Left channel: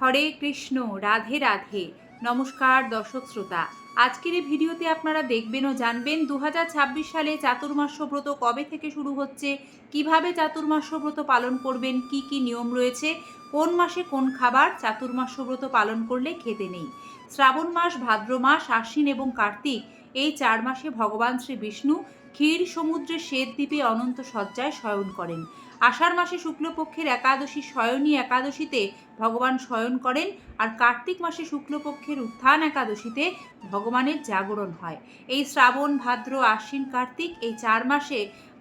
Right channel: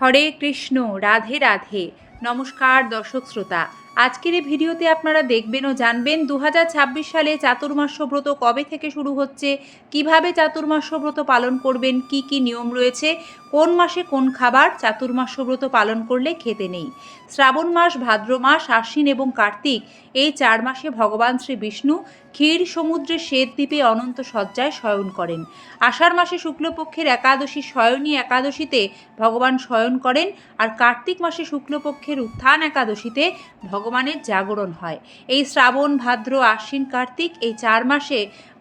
হরে কৃষ্ণ, রাধে রাধে। নমস্কার দর্শক শ্রোতা। আজকের এই ভিডিওতে আপনারা দেখবেন ও জানবেন 2026 সালে চাতুর্মাস্য ব্রত কবে থেকে শুরু হচ্ছে, কিভাবে চাতুর্মাস্য ব্রত পালন করবেন, কি কি নিয়ম রয়েছে, কোন মাসে কোন খাবার চাতুর্মাস্য ব্রত পালন করলে খেতে নেই। শ্রাবণ মাস, ভাদ্র মাস, আশ্বিন এবং কার্তিক এই 4 মাসে ভগবান শ্রী বিষ্ণু ক্ষীর সমুদ্রের শ্বেত দ্বীপে অনন্ত শয্যায় শয়ন করেন। আষাঢ় মাসে শুক্লপক্ষের একাদশী শয়নী একাদশীতে ভগবান শয়ন করেন, আর কার্তিক মাসে শুক্লপক্ষের উত্থান একাদশীতে ভগবানের জাগরণ হয়। এই শ্রাবণ, ভাদ্র, আশ্বিন, কার্তিক এই 4 মাসে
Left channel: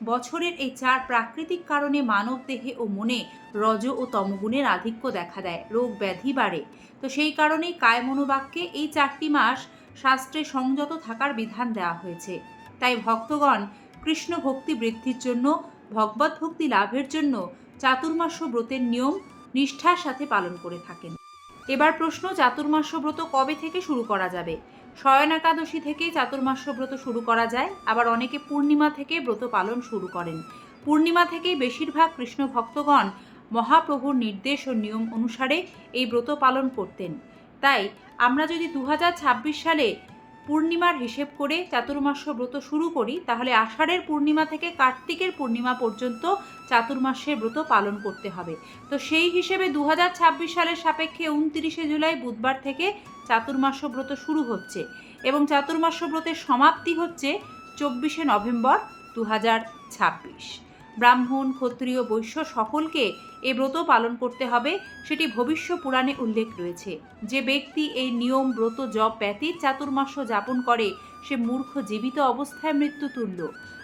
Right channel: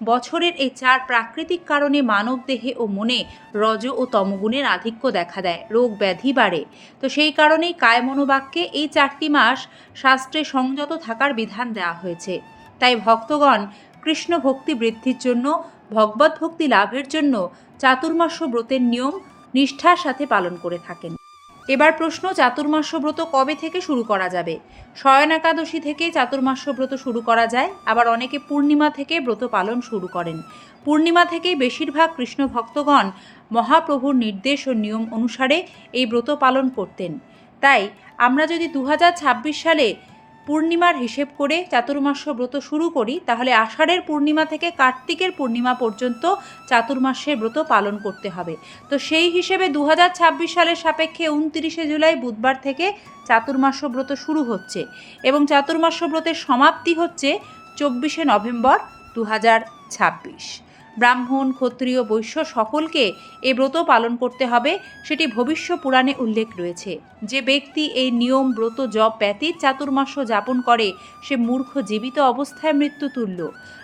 বছরের এই 4 প্রাকৃতিক কারণে মানব দেহে ও মনে রজ ও তমগুণের আধিক্য দেখা দেয়, রোগ ব্যাধি বাড়ে। তো সেই কারণেই কায় মনোবাক্যে এই 4টি মাস শাস্ত্রে সংযত থাকার বিধান দেওয়া হয়েছে। তাই ভক্তগণ কৃষ্ণ ভক্তি বৃদ্ধির জন্য, ভগবত ভক্তি লাভের জন্য চাতুর্মাস্য ব্রতের নিয়ম নিষ্ঠার সাথে পালন করে থাকেন। এবার প্রশ্ন, চাতুর্মাস্য ব্রত কবে থেকে শুরু করা যাবে? শয়ন একাদশী থেকে চাতুর্মাস্য ব্রত শুরু করা যায়, আবার অনেকে পূর্ণিমা থেকে ব্রত পালন শুরু করেন। পূর্ণিমা থেকেই বেশিরভাগ কৃষ্ণ ভক্তগণ মহাপ্রভুর নির্দেশ ও নিয়ম অনুসারে এই ব্রত পালন করতেন। তাই আমরা যদি 2026 সালে পূর্ণিমার হিসেব করে চাতুর্মাস্য ব্রত শুরু করি, তাহলে আষাঢ়ের পূর্ণিমা থেকে কার্তিকের পূর্ণিমা পর্যন্ত চাতুর্মাস্যের ব্রত পালন করতে হবে। তো সেই হিসেবে 2026 সালের সাপেক্ষে 29শে জুলাই বুধবার থেকে চাতুর্মাস্য ব্রত শুরু হচ্ছে এবং চাতুর্মাস্য ব্রতের সমাপ্তি হচ্ছে 24শে নভেম্বর 2026। ব্রাহ্মণ, ক্ষত্রিয়, বৈশ্য সকলকে এই ব্রত পালন করতে হবে, সেটি ভবিষ্য পুরাণে উল্লেখ রয়েছে। যে ব্যক্তি এই নিয়ম, ব্রত, জপ ব্যতীত চাতুর্মাস্য যাপন করে সে মূর্খ, জীবিত অবস্থায় মৃত্যুতুল্য।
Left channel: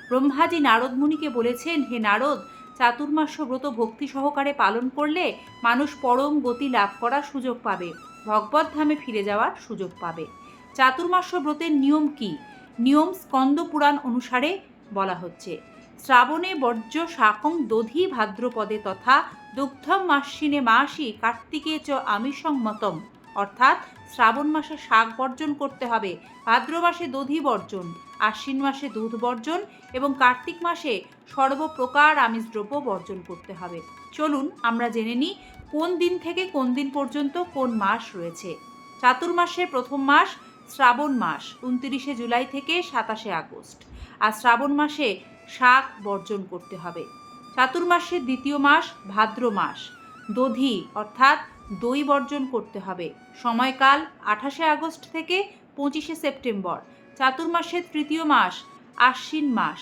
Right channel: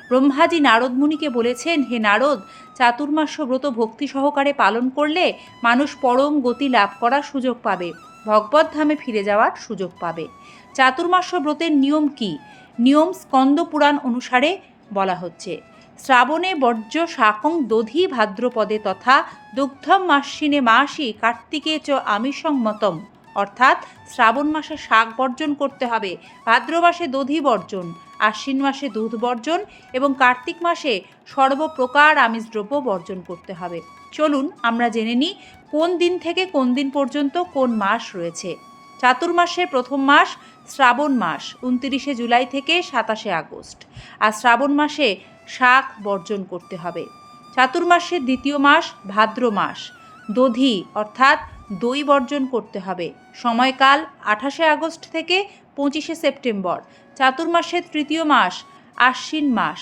ব্রহ্মাজি নারদ মুনিকে বলেছেন, হে নারদ, চাতুর্মাস্য ব্রত ভক্তি সহকারে পালন করলে মানুষ পরম গতি লাভ করার সুযোগ পাবে, ভগবত ধামে ফিরে যাওয়ার সুযোগ পাবে। চাতুর্মাস্য ব্রতের নিয়ম কি? নিয়ম স্কন্দ পুরাণ অনুসারে বলা হচ্ছে, শ্রাবণে বর্জ্য শাকং দধি ভাদ্রপদে তথা দুগ্ধম মাসিনে মাসি কার্তিকে চ আমিষং মতম। অর্থাৎ শ্রাবণ মাসে শাক বর্জন করতে হবে, ভাদ্র মাসে দধি বর্জন, আশ্বিন মাসে দুধ বর্জন এবং কার্তিক মাসে সর্বপ্রকার আমিষ দ্রব্য বর্জন করতে হবে। চলুন আমরা জেনে নিই কোন দিন থেকে কোন দিন পর্যন্ত কোন মাস রয়েছে। চাতুর্মাসের প্রথম মাস শ্রাবণ মাস, 29শে জুলাই থেকে 27শে আগস্ট। আর শ্রাবণ মাসে শাক বর্জন করতে হবে। চাতুর্মাসের দ্বিতীয় মাস ভাদ্র মাস, দধি অর্থাৎ দই বর্জন করতে হবে। সময়কাল 28শে আগস্ট থেকে 25শে সেপ্টেম্বর। চাতুর্মাসের তৃতীয় মাস আশ্বিন মাস,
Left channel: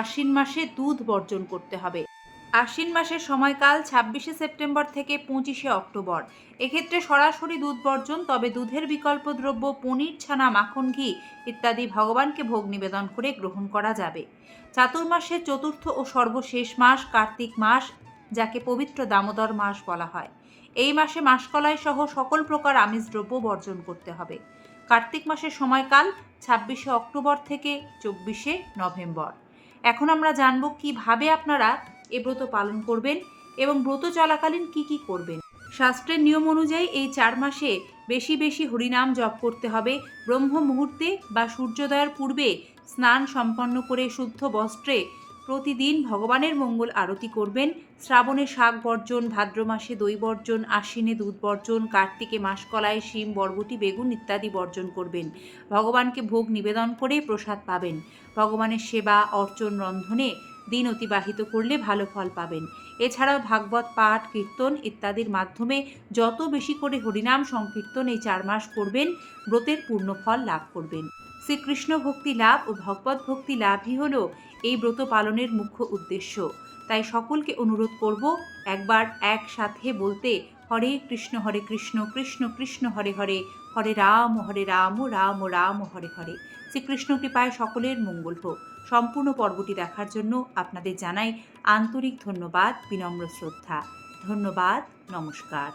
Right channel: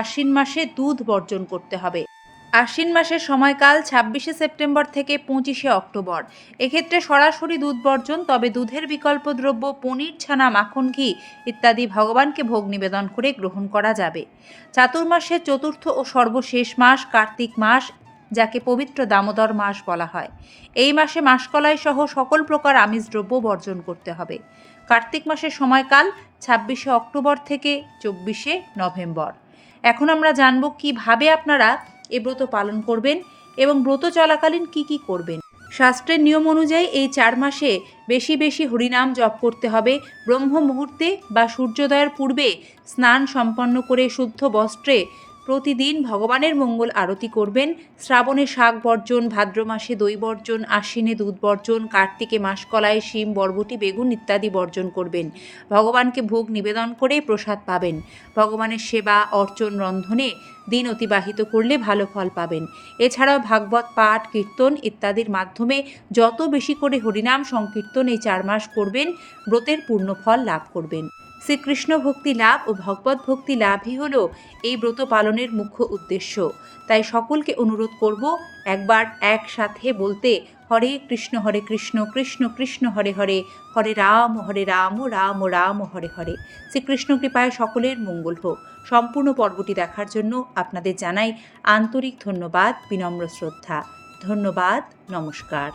আশ্বিন মাসে দুধ বর্জন করতে হবে। আশ্বিন মাসের সময়কাল 26শে সেপ্টেম্বর থেকে 25শে অক্টোবর। এক্ষেত্রে সরাসরি দুধ বর্জন, তবে দুধের বিকল্প দ্রব্য পনির, ছানা, মাখন, ঘি ইত্যাদি ভগবানকে ভোগ নিবেদন করে গ্রহণ করা যাবে। চাতুর্মাসের চতুর্থ ও সর্বশেষ মাস কার্তিক মাস, যাকে পবিত্র দামোদর মাস বলা হয়। এই মাসে মাসকলাই সহ সকল প্রকার আমিষ দ্রব্য বর্জন করতে হবে। কার্তিক মাসের সময়কাল 26শে অক্টোবর থেকে 24শে নভেম্বর। এখন আমরা জানব কিভাবে আপনারা এ ব্রত পালন করবেন এবং ব্রত চলাকালীন কি কি করবেন। শাস্ত্রের নিয়ম অনুযায়ী এই 4 মাসে বেশি বেশি হরিনাম জপ করতে হবে। ব্রহ্ম মুহূর্তে বা সূর্যোদয়ের পূর্বে স্নান সম্পন্ন করে শুদ্ধ বস্ত্রে প্রতিদিন ভগবানের মঙ্গল আরতি করবেন। শ্রাবণে শাক বর্জন, ভাদ্র মাসে দই বর্জন, আশ্বিনে দুধ বর্জন, কার্তিকে মাসকলাই, শিম, বরবটি, বেগুন ইত্যাদি বর্জন করবেন। ভগবানকে ভোগ নিবেদন করে প্রসাদ পাবেন। ভগবানের সেবা, অর্চন, রন্ধনে দিন অতিবাহিত করলে ভালো ফল পাবেন। এছাড়াও ভাগবত পাঠ, কীর্তন ইত্যাদির মাধ্যমে যত বেশি করে হরিনাম সংকীর্তন এই 4 মাস করবেন, ব্রতের পূর্ণ ফল লাভ করবেন। শ্রীকৃষ্ণ ভক্তি লাভ ও ভগবত ভক্তি লাভই হল এই ব্রত পালনের মুখ্য উদ্দেশ্য। তাই সকলকে অনুরোধ করব একবার একসাথে বলতে, হরে কৃষ্ণ কৃষ্ণ কৃষ্ণ হরে হরে, হরে রাম রাম রাম হরে হরে। শ্রীকৃষ্ণ কৃপায় সকলের মঙ্গল হোক। সম্পূর্ণ পর্বটি দেখার জন্য আপনাদের জানাই আন্তরিক ধন্যবাদ, বিনম্র শ্রদ্ধা। ধন্যবাদ, নমস্কার।